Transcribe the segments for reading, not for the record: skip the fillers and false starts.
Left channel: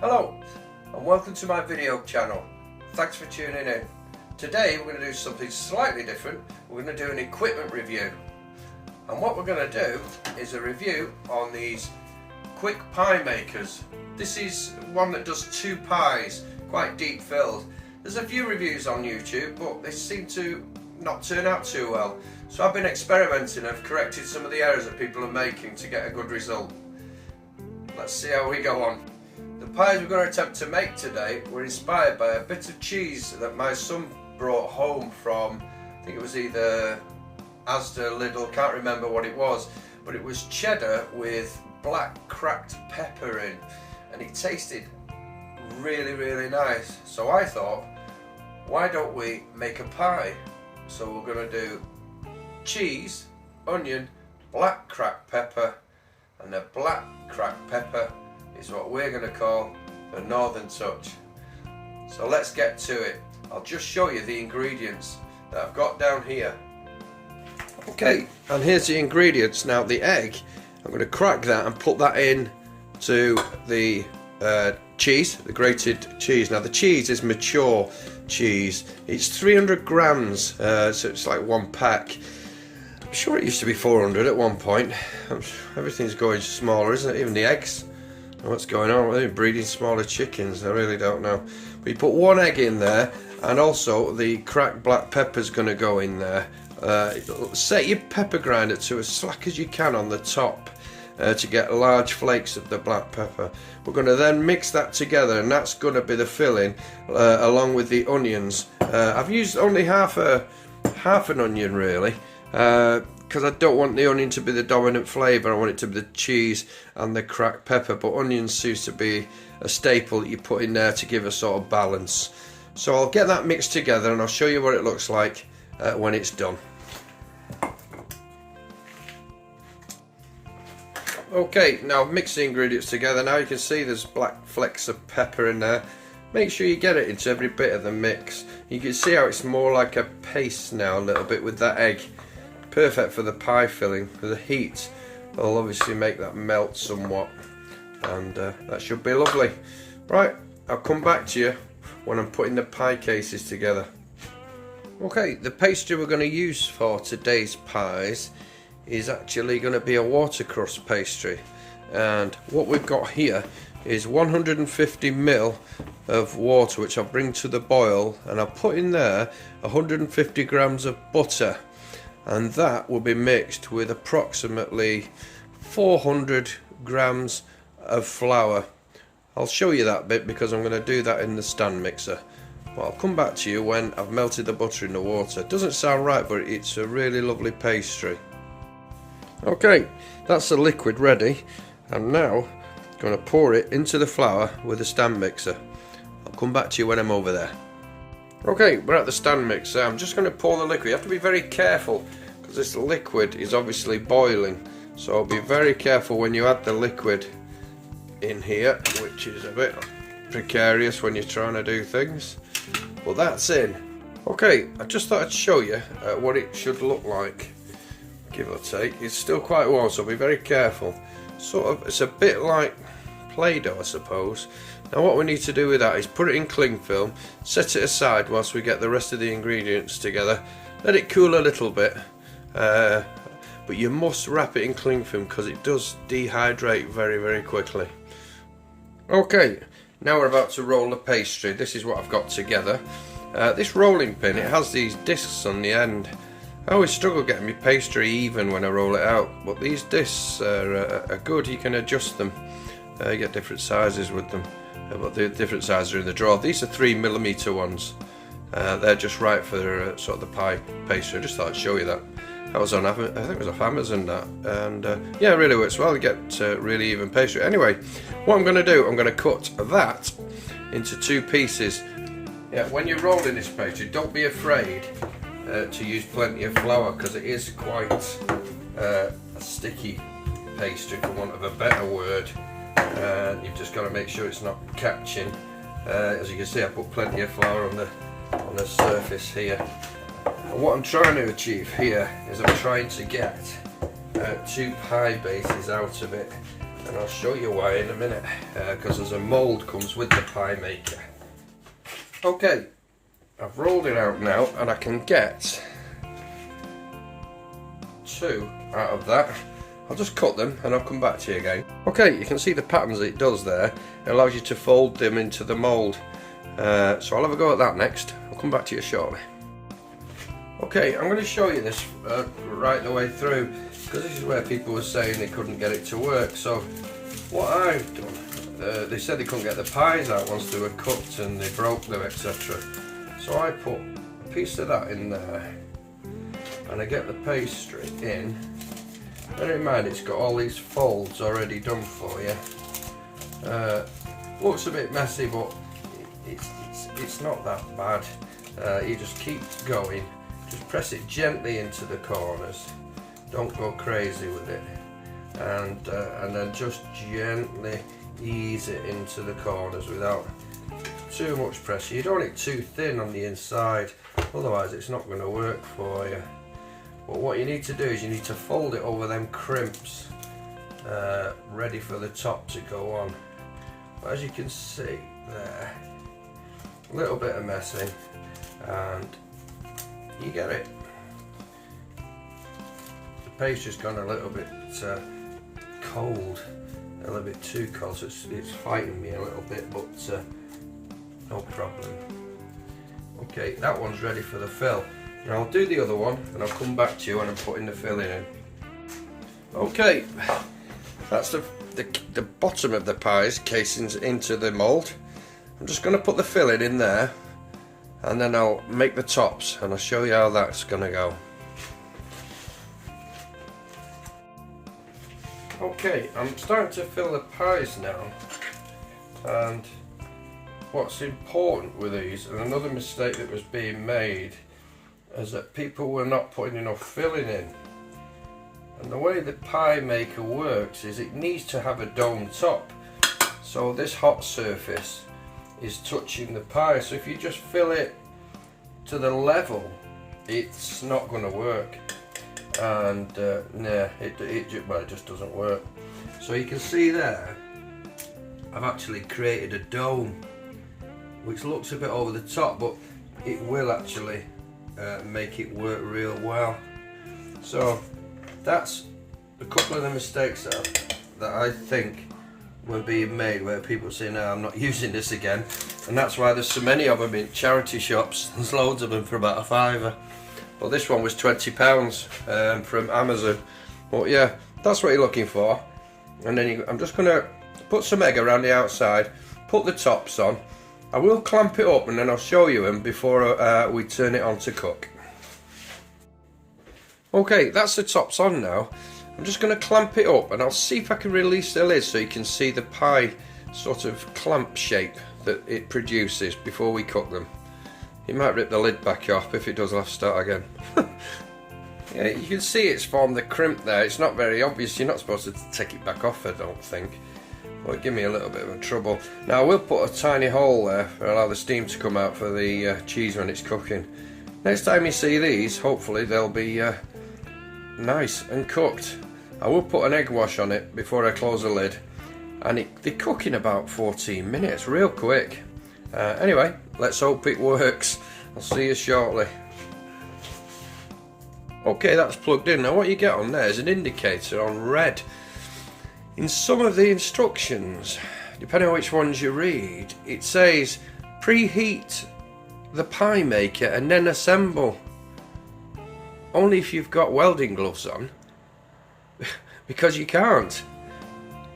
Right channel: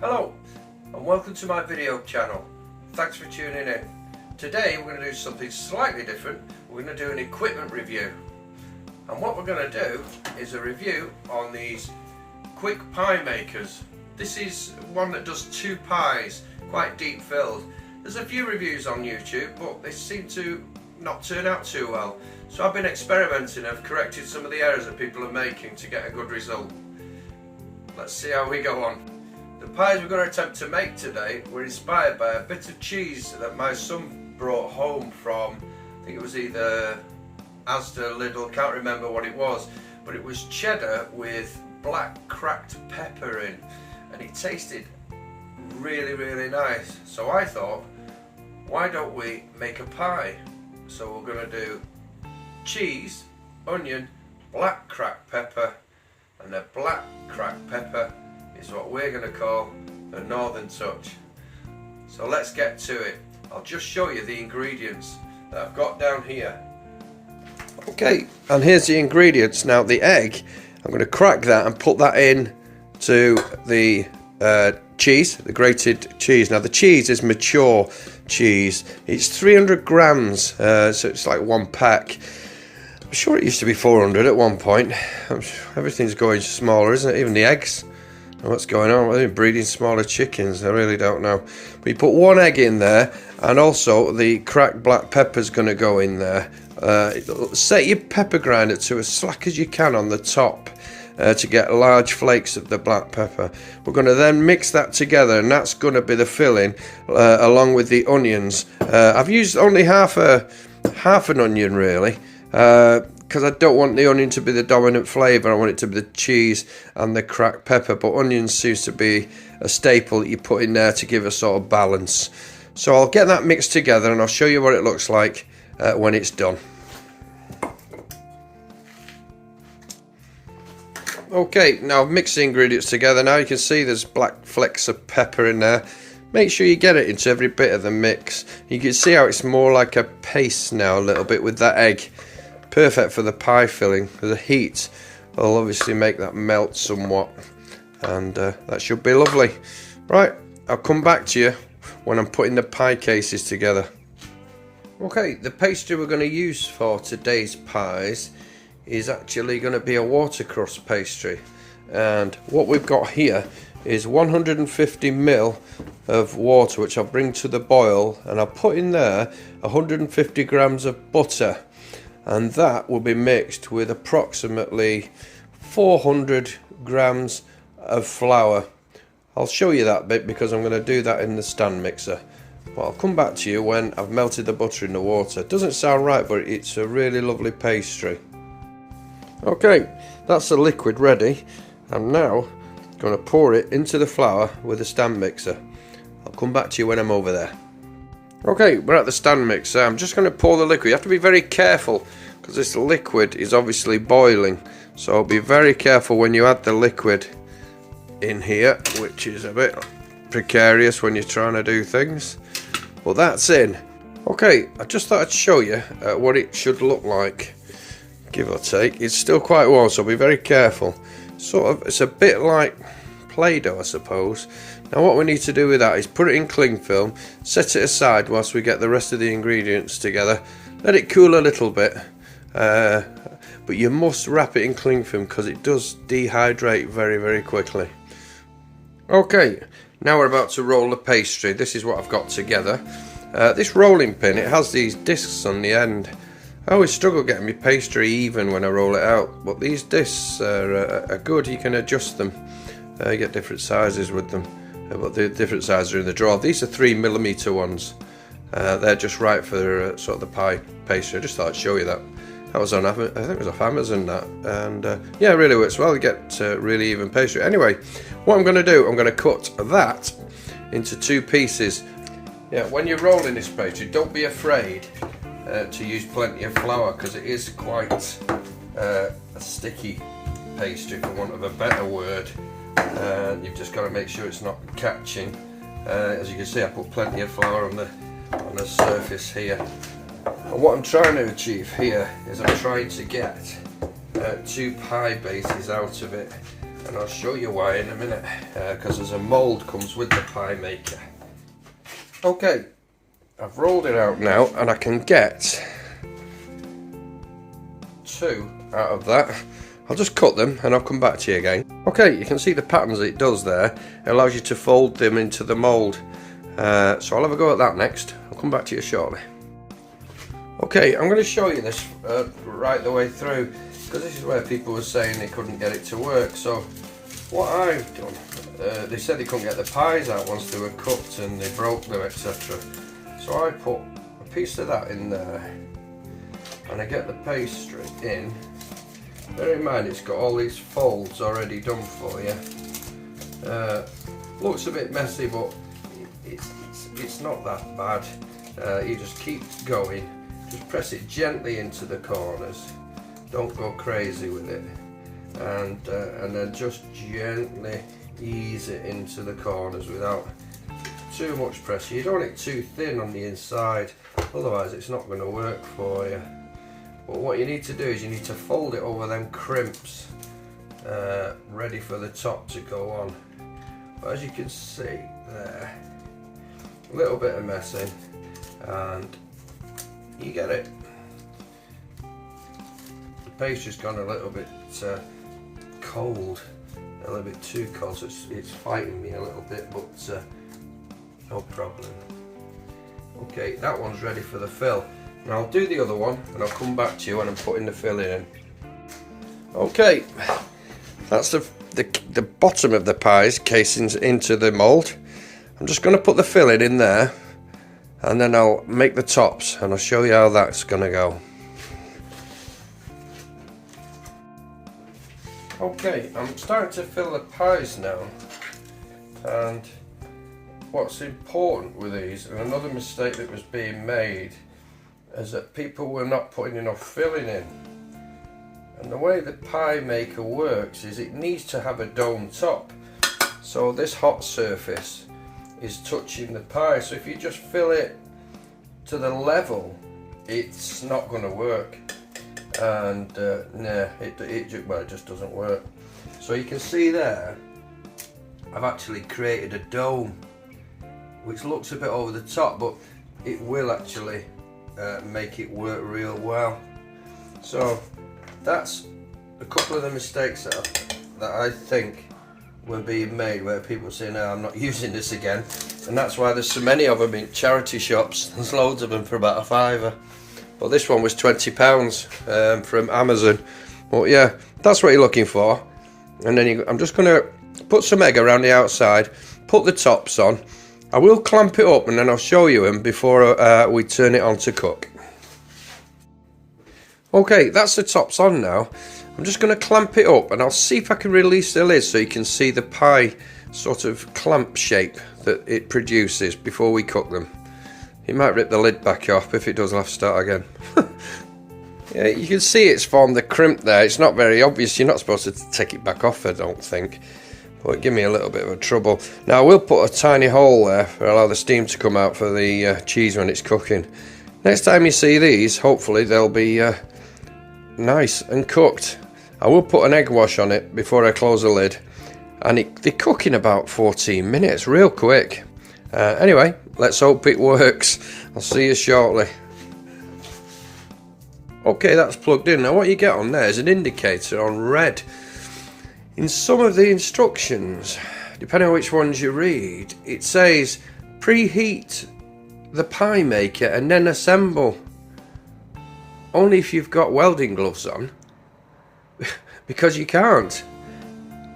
Hello and welcome to my video channel. Thanks for tuning in. Today we're going to do something slightly different. We're going to do an equipment review, and what we're going to do is a review on these quick pie makers. This is one that does 2 pies, quite deep filled. There's a few reviews on YouTube, but they seem to not turn out too well. So I've been experimenting. I've corrected some of the errors that people are making to get a good result. Let's see how we go on. The pies we're going to attempt to make today were inspired by a bit of cheese that my son brought home from, I think it was either Asda, Lidl, can't remember what it was, but it was cheddar with black cracked pepper in, and it tasted really nice. So I thought, why don't we make a pie? So we're going to do cheese, onion, black cracked pepper, and the black cracked pepper is what we're going to call the Northern Touch. So let's get to it. I'll just show you the ingredients that I've got down here. Okay, and here's the ingredients. Now the egg, I'm going to crack that and put that in to the cheese, the grated cheese. Now the cheese is mature cheese. It's 300 grams, so it's like 1 pack. I'm sure it used to be 400 at one point. Everything's going smaller, isn't it? Even the eggs. What's going on? They're breeding smaller chickens. I really don't know. But you put 1 egg in there, and also the cracked black pepper's going to go in there. Set your pepper grinder to as slack as you can on the top to get large flakes of the black pepper. We're going to then mix that together, and that's going to be the filling along with the onions. I've used only half an onion really, because I don't want the onion to be the dominant flavour. I want it to be the cheese and the cracked pepper, but onions seems to be a staple that you put in there to give a sort of balance. So I'll get that mixed together and I'll show you what it looks like when it's done. Okay, now I've mixed the ingredients together. Now you can see there's black flecks of pepper in there. Make sure you get it into every bit of the mix. You can see how it's more like a paste now a little bit with that egg. Perfect for the pie filling. The heat will obviously make that melt somewhat, and that should be lovely. Right, I'll come back to you when I'm putting the pie cases together. Okay, the pastry we're going to use for today's pies is actually going to be a watercress pastry, and what we've got here is 150 ml of water, which I'll bring to the boil, and I'll put in there 150 grams of butter, and that will be mixed with approximately 400 grams of flour. I'll show you that bit because I'm going to do that in the stand mixer, but I'll come back to you when I've melted the butter in the water. Doesn't sound right, but it's a really lovely pastry. Okay, that's the liquid ready, and now I'm going to pour it into the flour with the stand mixer. I'll come back to you when I'm over there. Okay, we're at the stand mixer. I'm just going to pour the liquid. You have to be very careful because this liquid is obviously boiling, so be very careful when you add the liquid in here, which is a bit precarious when you're trying to do things, but that's in. Okay, I just thought I'd show you what it should look like, give or take. It's still quite warm, so be very careful. Sort of, it's a bit like Play-Doh, I suppose. Now what we need to do with that is put it in cling film, set it aside whilst we get the rest of the ingredients together, let it cool a little bit, but you must wrap it in cling film because it does dehydrate very quickly. Okay, now we're about to roll the pastry. This is what I've got together. This rolling pin, it has these discs on the end. I always struggle getting my pastry even when I roll it out, but these discs are good. You can adjust them. You get different sizes with them, but the different sizes are in the drawer. These are 3mm ones. They're just right for sort of the pie pastry. I just thought I'd show you that. That was on, I think it was off Amazon, that, and yeah, it really works well. You get really even pastry. Anyway, what I'm going to do, I'm going to cut that into 2 pieces. Yeah, when you're rolling this pastry, don't be afraid to use plenty of flour, because it is quite a sticky pastry, for want of a better word, and you've just got to make sure it's not catching. As you can see, I put plenty of flour on the surface here. And what I'm trying to achieve here is I'm trying to get 2 pie bases out of it, and I'll show you why in a minute, because there's a mould comes with the pie maker. Okay, I've rolled it out now and I can get 2 out of that. I'll just cut them and I'll come back to you again. Okay, you can see the patterns it does there. It allows you to fold them into the mould. So I'll have a go at that next. I'll come back to you shortly. Okay, I'm going to show you this right the way through, because this is where people were saying they couldn't get it to work. So what I've done, they said they couldn't get the pies out once they were cooked and they broke them, etc. So I put a piece of that in there and I get the pastry in. Bear in mind it's got all these folds already done for you. Looks a bit messy, but it's not that bad. You just keep going, just press it gently into the corners, don't go crazy with it, and then just gently ease it into the corners without too much pressure. You don't want it too thin on the inside, otherwise it's not going to work for you. But what you need to do is you need to fold it over them crimps, ready for the top to go on. But as you can see there, a little bit of messing, and you get it. The pastry's gone a little bit cold, a little bit too cold, so it's fighting me a little bit, but no problem. Okay, that one's ready for the fill. Now I'll do the other one and I'll come back to you when I'm putting the filling in. Okay, that's the bottom of the pie's casings into the mould. I'm just going to put the filling in there and then I'll make the tops and I'll show you how that's going to go. Okay, I'm starting to fill the pies now, and what's important with these, and another mistake that was being made, is that people were not putting enough filling in. And the way the pie maker works is it needs to have a dome top, so this hot surface is touching the pie. So if you just fill it to the level, it's not going to work, and it just doesn't work. So you can see there, I've actually created a dome which looks a bit over the top, but it will actually make it work real well. So that's a couple of the mistakes that I think were being made, where people say, no, I'm not using this again, and that's why there's so many of them in charity shops. There's loads of them for about £5. Well, this one was £20 from Amazon. But yeah, that's what you're looking for. And then I'm just going to put some egg around the outside, put the tops on. I will clamp it up and then I'll show you them before we turn it on to cook. Okay, that's the tops on now. I'm just going to clamp it up and I'll see if I can release the lid so you can see the pie sort of clamp shape that it produces before we cook them. It might rip the lid back off. If it does, I'll have to start again. Yeah, you can see it's formed the crimp there. It's not very obvious. You're not supposed to take it back off, I don't think. But it gave me a little bit of a trouble. Now I will put a tiny hole there for allow the steam to come out for the cheese when it's cooking. Next time you see these, hopefully they'll be nice and cooked. I will put an egg wash on it before I close the lid, and they cook in about 14 minutes, real quick. Anyway, let's hope it works. I'll see you shortly. Okay, that's plugged in. Now what you get on there is an indicator on red. In some of the instructions, depending on which ones you read, it says preheat the pie maker and then assemble. Only if you've got welding gloves on, because you can't.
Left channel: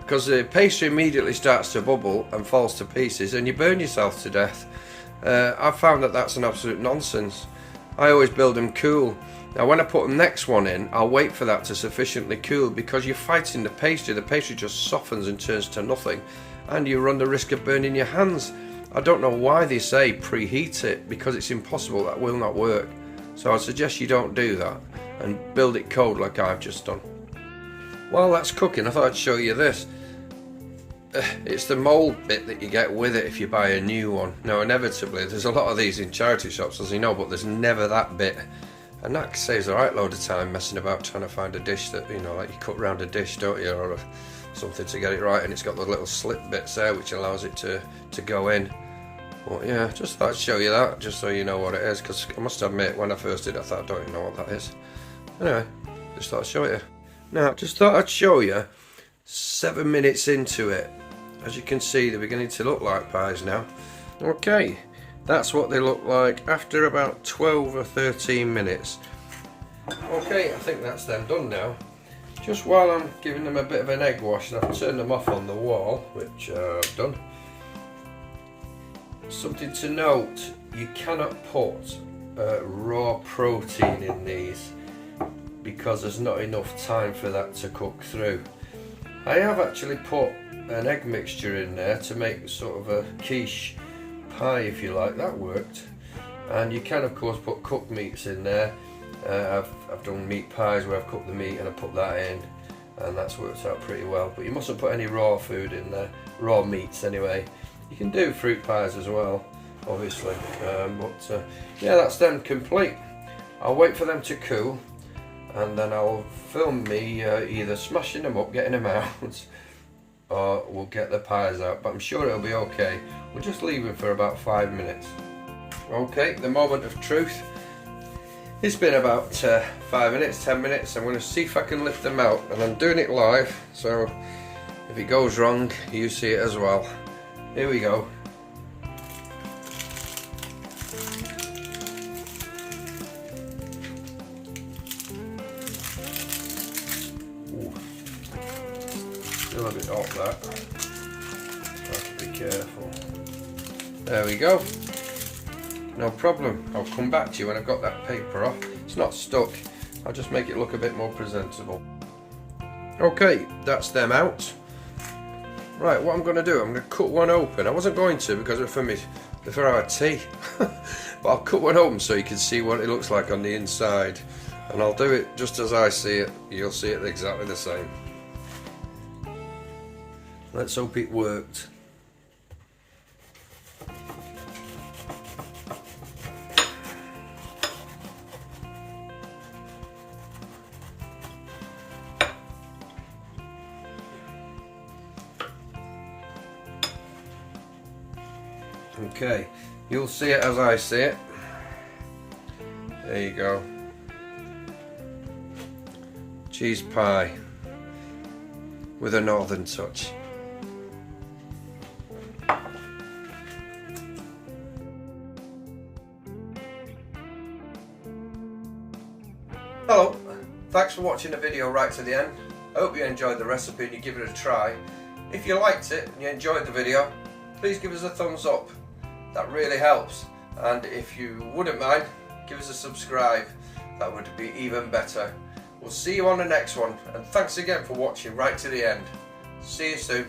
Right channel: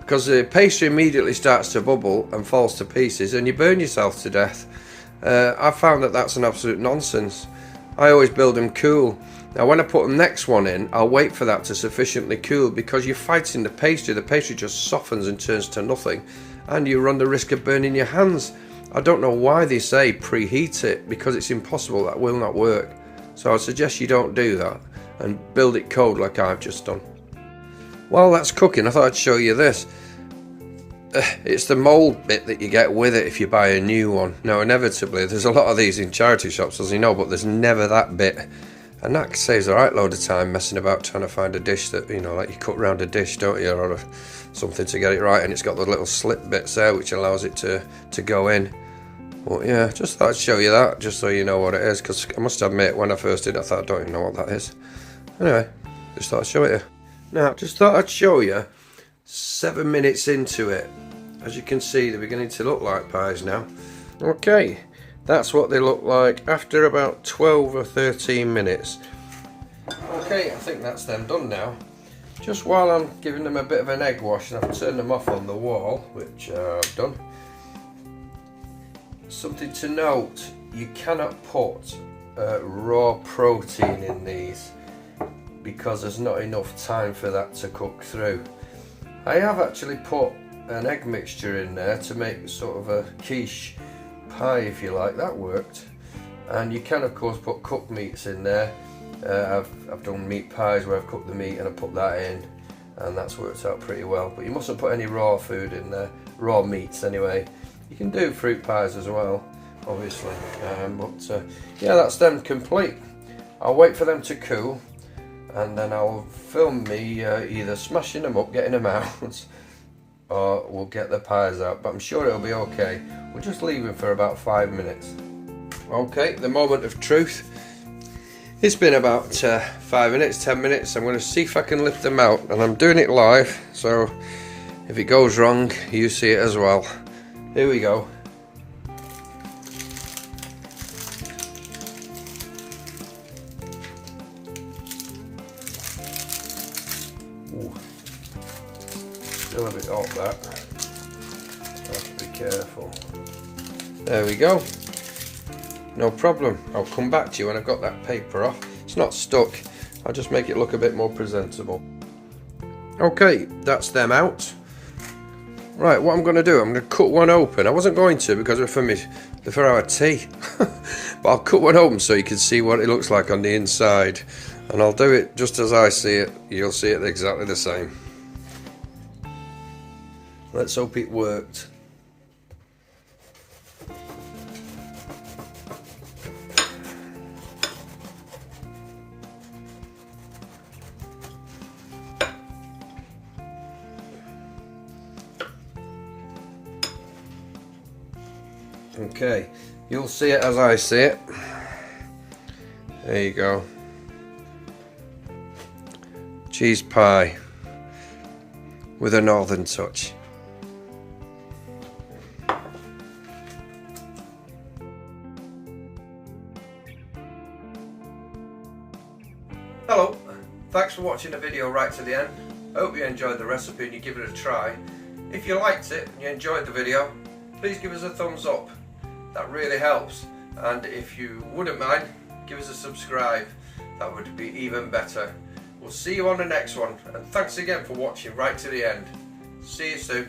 Because the pastry immediately starts to bubble and falls to pieces and you burn yourself to death. I've found that that's an absolute nonsense. I always build them cool. Now when I put the next one in, I'll wait for that to sufficiently cool, because you're fighting the pastry just softens and turns to nothing, and you run the risk of burning your hands. I don't know why they say preheat it, because it's impossible. That will not work. So I suggest you don't do that and build it cold like I've just done. While that's cooking, I thought I'd show you this. It's the mould bit that you get with it if you buy a new one. Now inevitably there's a lot of these in charity shops, as you know, but there's never that bit And that saves a right load of time messing about trying to find a dish that, you know, like you cut round a dish, don't you, or something to get it right, and it's got the little slip bits there which allows it to go in. But yeah, just thought I'd show you that, just so you know what it is, because I must admit, when I first did, I thought, I don't even know what that is. Anyway, just thought I'd show it you. Now, just thought I'd show you 7 minutes into it. As you can see, they're beginning to look like pies now. Okay, that's what they look like after about 12 or 13 minutes. Okay, I think that's them done now. Just while I'm giving them a bit of an egg wash, and I've turned them off on the wall, which I've done. Something to note, you cannot put raw protein in these because there's not enough time for that to cook through. I have actually put an egg mixture in there to make sort of a quiche pie, if you like. That worked. And you can of course put cooked meats in there. I've done meat pies where I've cooked the meat and I put that in, and that's worked out pretty well. But you mustn't put any raw food in there, raw meats anyway. You can do fruit pies as well, obviously, but yeah, that's them complete. I'll wait for them to cool, and then I'll film me either smashing them up, getting them out, or we'll get the pies out, but I'm sure it'll be okay. We'll just leave them for about 5 minutes. Okay, the moment of truth. It's been about 5 minutes, 10 minutes. I'm going to see if I can lift them out, and I'm doing it live, so if it goes wrong, you see it as well. Here we go. Ooh. Still a bit hot, that. Have to be careful. There we go. No problem. I'll come back to you when I've got that paper off. It's not stuck. I'll just make it look a bit more presentable. Okay, that's them out. Right, what I'm going to do, I'm going to cut one open. I wasn't going to because they're for our tea. But I'll cut one open so you can see what it looks like on the inside. And I'll do it just as I see it. You'll see it exactly the same. Let's hope it worked. Okay, you'll see it as I see it. There you go. Cheese pie with a northern touch. Hello, thanks for watching the video right to the end. I hope you enjoyed the recipe and you give it a try. If you liked it and you enjoyed the video, please give us a thumbs up. That really helps, and if you wouldn't mind, give us a subscribe. That would be even better. We'll see you on the next one, and thanks again for watching right to the end. See you soon.